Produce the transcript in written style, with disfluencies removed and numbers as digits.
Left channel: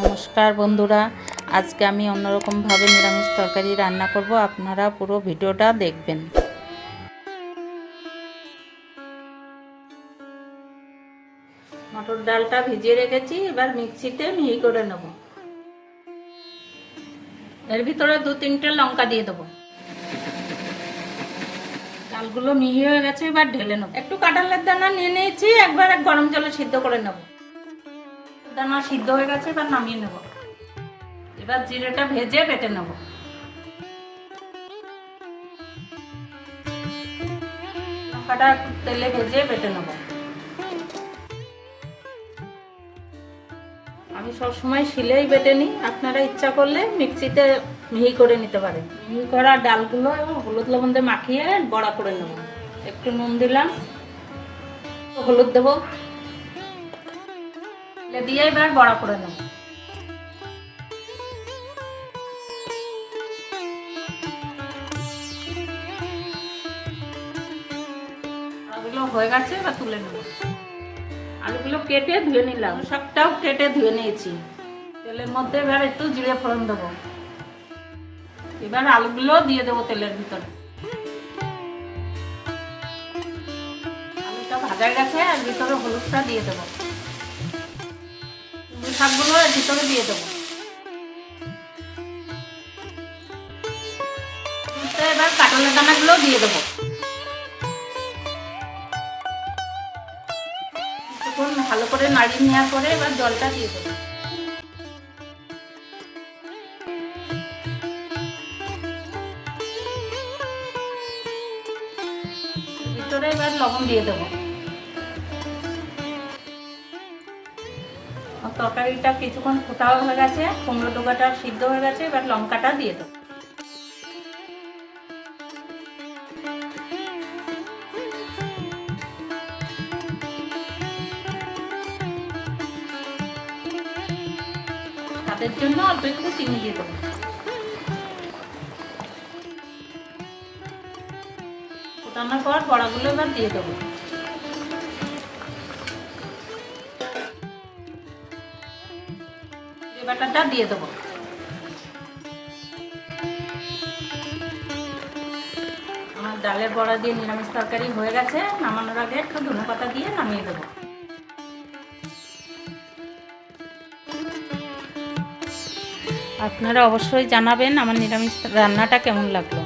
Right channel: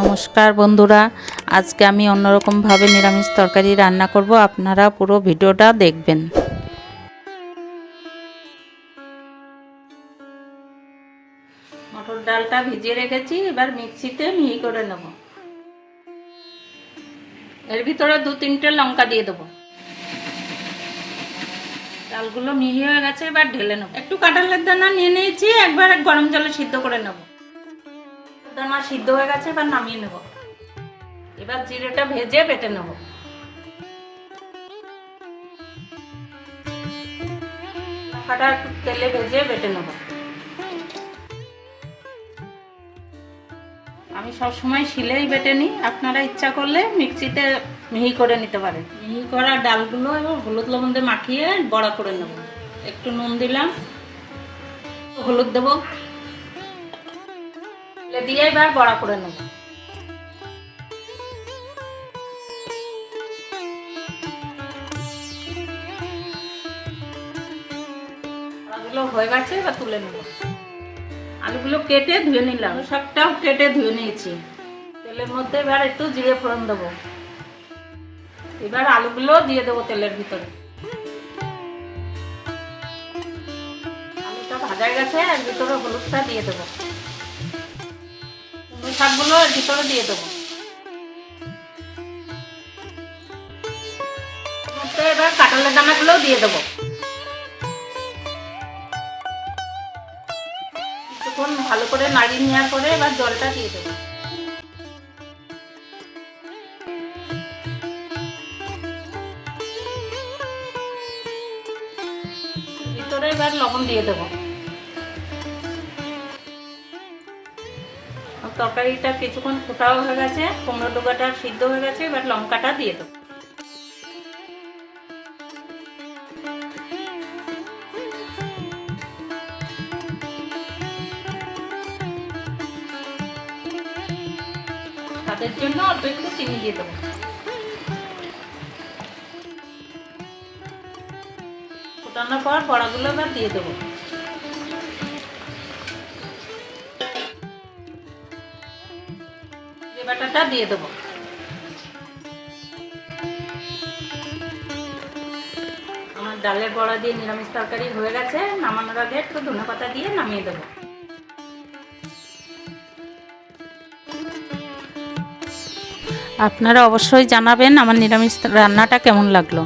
নমস্কার বন্ধুরা, আজকে আমি অন্যরকমভাবে নিরামিষ তরকারি রান্না করব। আপনারা পুরো ভিডিওটা দেখবেন। মটর ডালটা ভিজিয়ে রেখেছি, এবার মিক্সিতে মিহি করে নেব। এর ভিতরে 2-3টে লঙ্কা দিয়ে দেবো। ডালগুলো মিহি হয়ে গেছে, এবার ঢেলে নেব। একটু কাঁঠালের দানা নিয়ে নিয়েছি, একবার গরম জলে সিদ্ধ করে নেব। দানা সিদ্ধ হয়ে গেছে, এবার নামিয়ে নেব। এবার জিরেটা ভেজে বেটে নেব। লঙ্কাটা তেলে ভেজে বেটে নেব। আমি সবসময় শিলেই বেটে নিই, আপনারা ইচ্ছা করলে মিক্সিতে মিহি করে নিতে পারেন। মিহি করা ডালগুলো এবং হলুদ লবণ দিয়ে মাখিয়ে বড়া করে নেব। একটু নুন দিলাম, হলুদ দেবো, দিয়ে এবার বড়া করে নেব। আলুগুলো হয়ে গেছে, এবার তুলে নেব। আলুগুলো কেটে ধুয়ে নিলাম, সবটাও কেটে ধুয়ে নিয়েছি। তেলের মধ্যে এবার একটু জিরে ফোড়ন দেবো। এবার আলুগুলো দিয়ে দেবো তেলের ভিতরে। আলুটা ভাজা গেছে, আর ভিতরে হলুদটা দিয়ে দেবো। শাকগুলো এর ভিতরে দিয়ে দেবো। এবার কাঁঠালের দানাগুলো দিয়ে দেবো। ভালো করে নাড়িয়ে নেওয়ার পরে এবার জলটা দিয়ে দেবো। ভিতরে এবার লবণ দিয়ে দেবো। তরকারিটা কিছুক্ষণ ফোটাও হয়ে গেছে, কুমড়ো ডোকাটা সিদ্ধ হয়ে গেছে, এবার লঙ্কাটা দিয়ে দেবো। তাদের জন্য অল্প একটু চিনি দিয়ে দেবো। ফোটানোর পর বড়াগুলো এবার দিয়ে দেবো। বাটাটা দিয়ে দেবো। আমার ডালের বড়া দিয়ে নিরামিষ তরকারি হয়ে গেছে। নামানোর আগে একটু ধনেপাতা দিয়ে নামিয়ে দেবো। আপনারা অবশ্যই জানাবেন আমার নিরামিষ রান্নাটা কেমন লাগলো।